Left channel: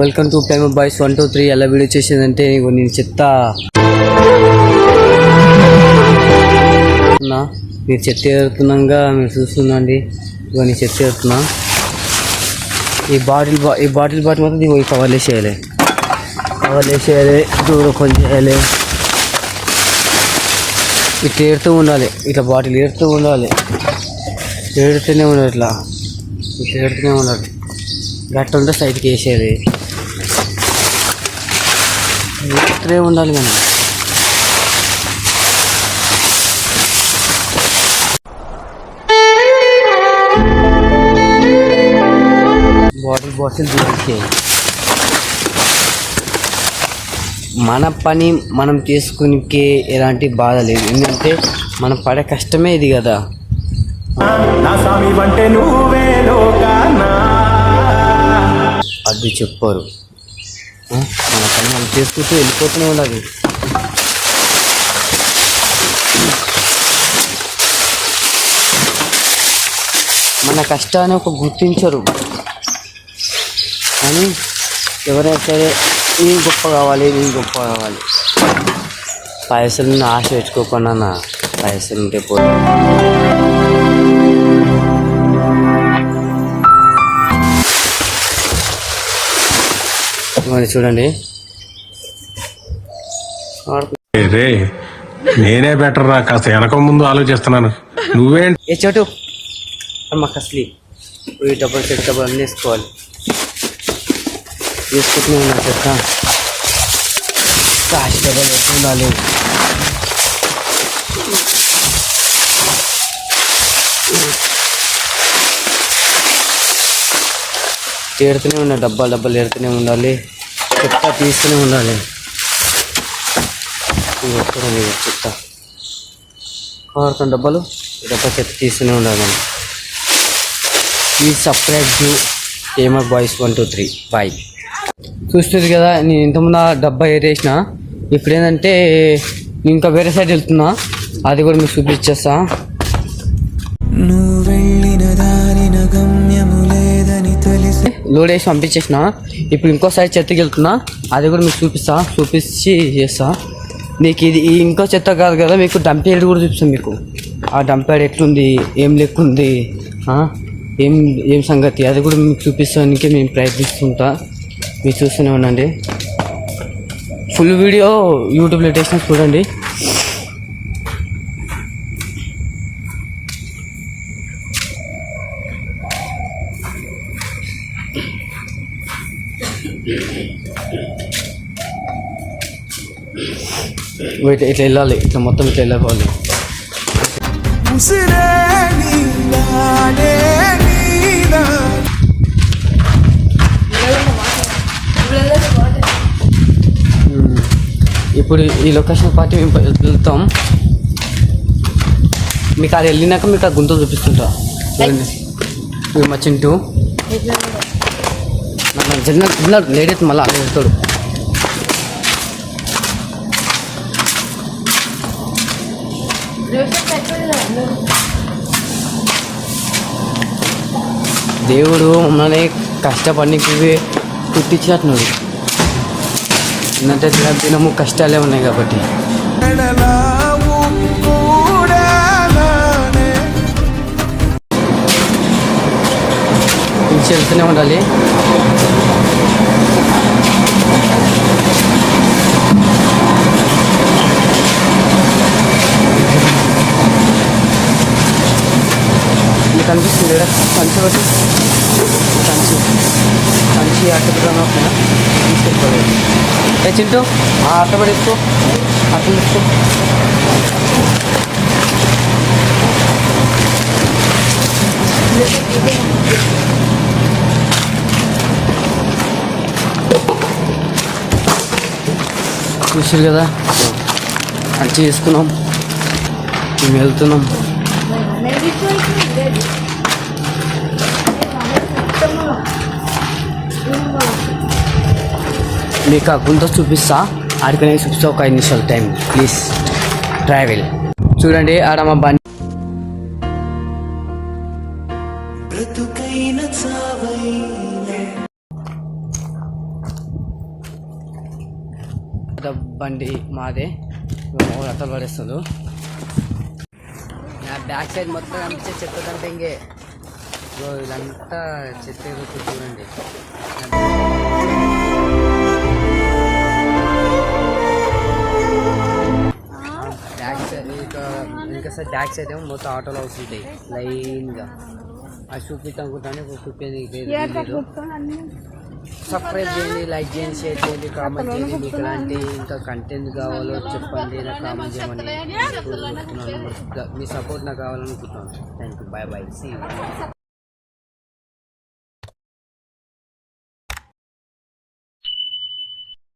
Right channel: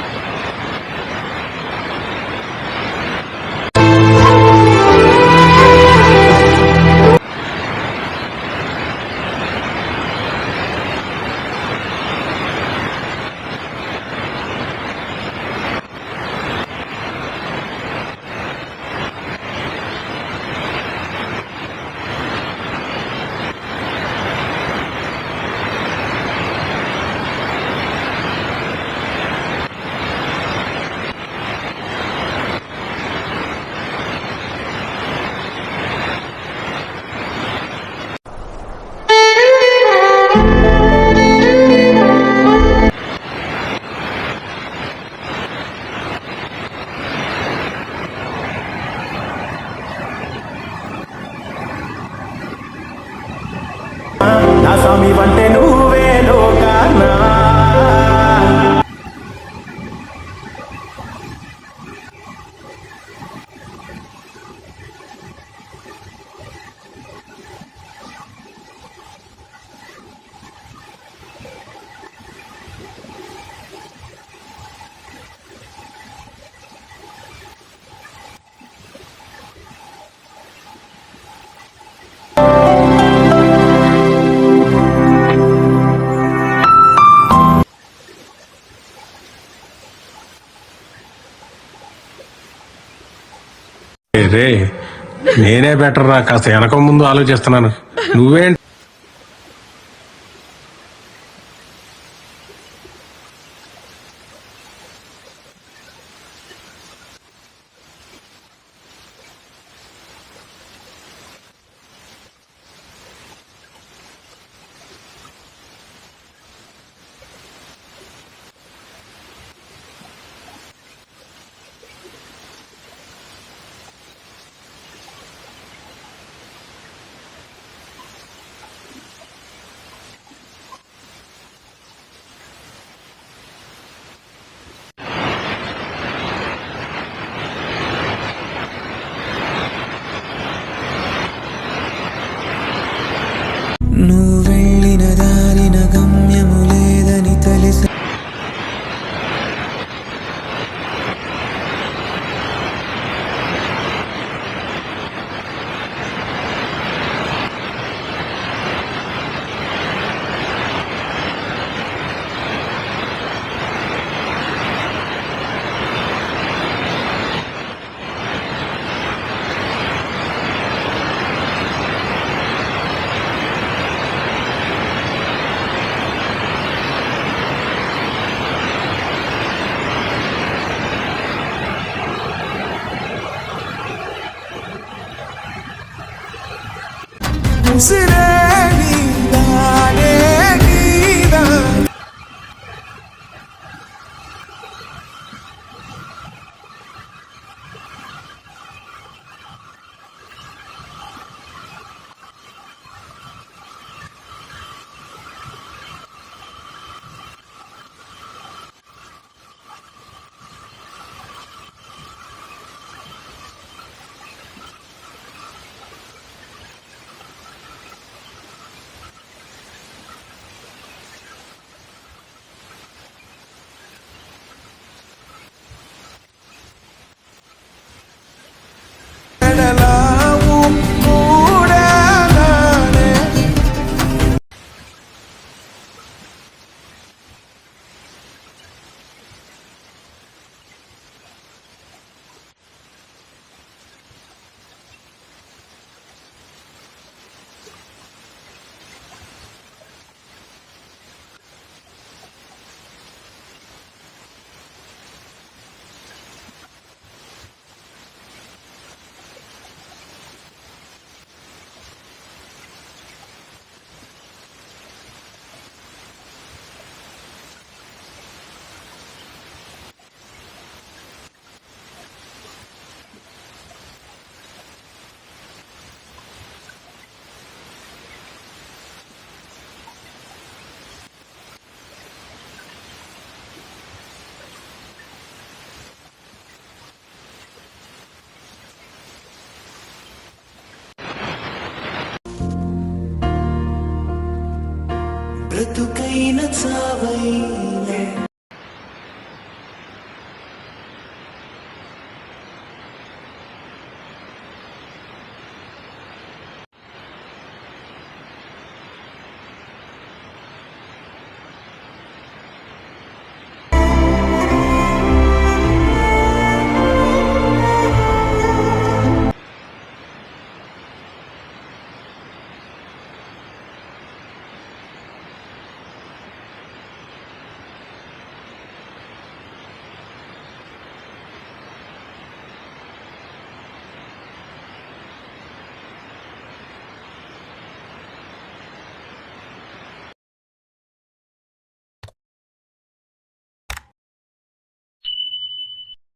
Welcome to time boys 1 2 3. ఎలా video చేసేదంటే ఇక నేను చెప్తా. మీకు చెత్త వేస్తున్నాగా మీరు చూసిందండి. ఇక నేను చెత్త వేస్తున్నా. ఈ బాటిల్ మాత్రం ఇవి కవర్ వేసేయాలి, దూరం కొంచెం చేయాలి. ఇట్లా ఏడుతూ ఉండాలి, ఇట్లా బాటిల్ ఏడుతూ ఉండాలి, ఏడుతూనే ఉండాలి, ఇట్లా ఏడుతూనే ఉండాలి. గట్ట ఉంటే సైడ్కి వేసేది ఏడుతూనే ఉండాలి. మనం బాటిల్ తీసేది. మన పని మనం చేసుకునే ఎలాంటి బాధ లేదు, ఎందుకంటే మనం పడే కష్టమే ఇది కదా. నా స్వామి అంటే నువ్వే లోకానా అది చెప్పారు. మన పని మనం చేసుకుంటూ వెళ్ళిపోతూనే ఉండాలి. మన కష్టాన్ని ఒక గుర్తించరు, కానీ ఎవరైనా సరే నేను గొప్ప కావాలి, పైసలు ఆశ పెట్టుకోకుండా పైసలు ఉంటే చూడండి. రే నేనే బెటర్ రా, కాస్త వెనక ముందు ఆలోచిస్తున్నాను. నువ్వేంటి ఏ చోటు మాకు అసలు డబ్బులు డబ్బులు అన్నీ వేసుకోవాలి. వేసుకుంటూనే ఉన్నా చెత్త కాశీ డబ్బులు పెట్టుకుండాలి. ఏడుతూనే ఉండాలి, డబ్బాలు ఏడుతూనే ఉండాలి, చెత్త తీస్తూనే ఉండాలి. చూడండి చెత్త వాడుతున్న డబ్బాలు చెత్త తీస్తూనే ఉండాలి. మనం please subscribe to timer boys 1 2 3 bye. చూస్తుంది కదా, నేను ఇంతకుముందు డబ్బా ఏరేసిన. ఇప్పుడు ఏంటంటే ఇంకా వేరే సైడ్ వెళ్తున్నా, అది కూడా మీకు చూపించేస్తా. నువ్వు వెళ్ళిన దారిన గమ్యము లేదని తెలిసి లోడ్ వేసి పంపించేసిన. ఇప్పుడు ఇంకో సైడ్ చెత్తకి వెళ్తున్నా, అది కూడా మీకు చూపించి చేస్తా. మీకు ఇది ఇంకో చెత్త కాదు కదా, మీకు డంప్ యార్డ్ కూడా చూపిస్తుంది. మీకు ఆ డంప్ యార్డ్ ఎట్లుంది, ఏం లేకుంది, ఏం సంగతి, అది కూడా మీకు చూపిస్తానికి మేము ప్రయత్నిస్తుంటా. మీరు చూస్తూనే ఉండండి. ఫుల్ వీడియో యూట్యూబ్లో పెట్టేసిన చూడండి. ఇట్లా వెళ్ళాలి, ఇట్లా మొత్తం ఇట్లా వెళ్ళిపోవాలి. ఇప్పుడు ఈ లొకేషన్ పార్టీ మేము వెళ్తాం. మీకు అది వెళ్ళినాక మీకు ఆ గుంత చూపిస్తుంటా. మా చింటూ జనరల్ లేట్ అయితే మళ్ళీ అలా వెళ్తాడు. దేవుడు మమ్మల్ని కష్టపడికి పుట్టించినట్టున్నాడు. ఏంటంటే దినము కష్టాలే ఉన్నాయి కాబట్టి వెళ్తూనే ఉండాలి. కనిపిస్తుంది కదా కంచి ఒకటి, కంచి అట్టపడి తీసుకెళ్ళిపోలేదు. చింటూ ఆ అట్టపడి ఎక్కువ అట్లా తీసుకో. చూసారు కదా, కంచి తీసుకున్నాం, మేము వెళ్తున్నాం. మీకు ఆ గుంత చూపిస్తా, ఆడికనే చూపిస్తా. ఒక 5 నిమిషాలు టైం ప్లీజ్. ట్రావెల్ చూడండి. ఆడ మా బండి పెద్ద బండి మాదే, మేము అట్ట పడేస్తారు. నా బ్యాక్ సైడ్ మొత్తం కనిపించే చెత్త డంపింగే. ఇదంతా చెత్త చూడండి. బ్యాక్ సైడ్ ఇంకా సార్ బ్యాక్ సైడ్ ఏమో మొత్తం ఆటోలో అవుతుంటాయి లైన్గా. అది చూపిస్తాం అనుకుంటాను, సబ్స్క్రైబ్ చేయండి, లైక్ చేయండి, షేర్ చేయండి, కామెంట్ చేయండి. మీకు ఎలాంటి ఇంకా కంటెంట్ కావాలో చెప్పండి, నాకు కామెంట్ చేయమని. మీ సపోర్ట్ నాకు కావాలనుకుంటున్నాను. Thank you, bye bye.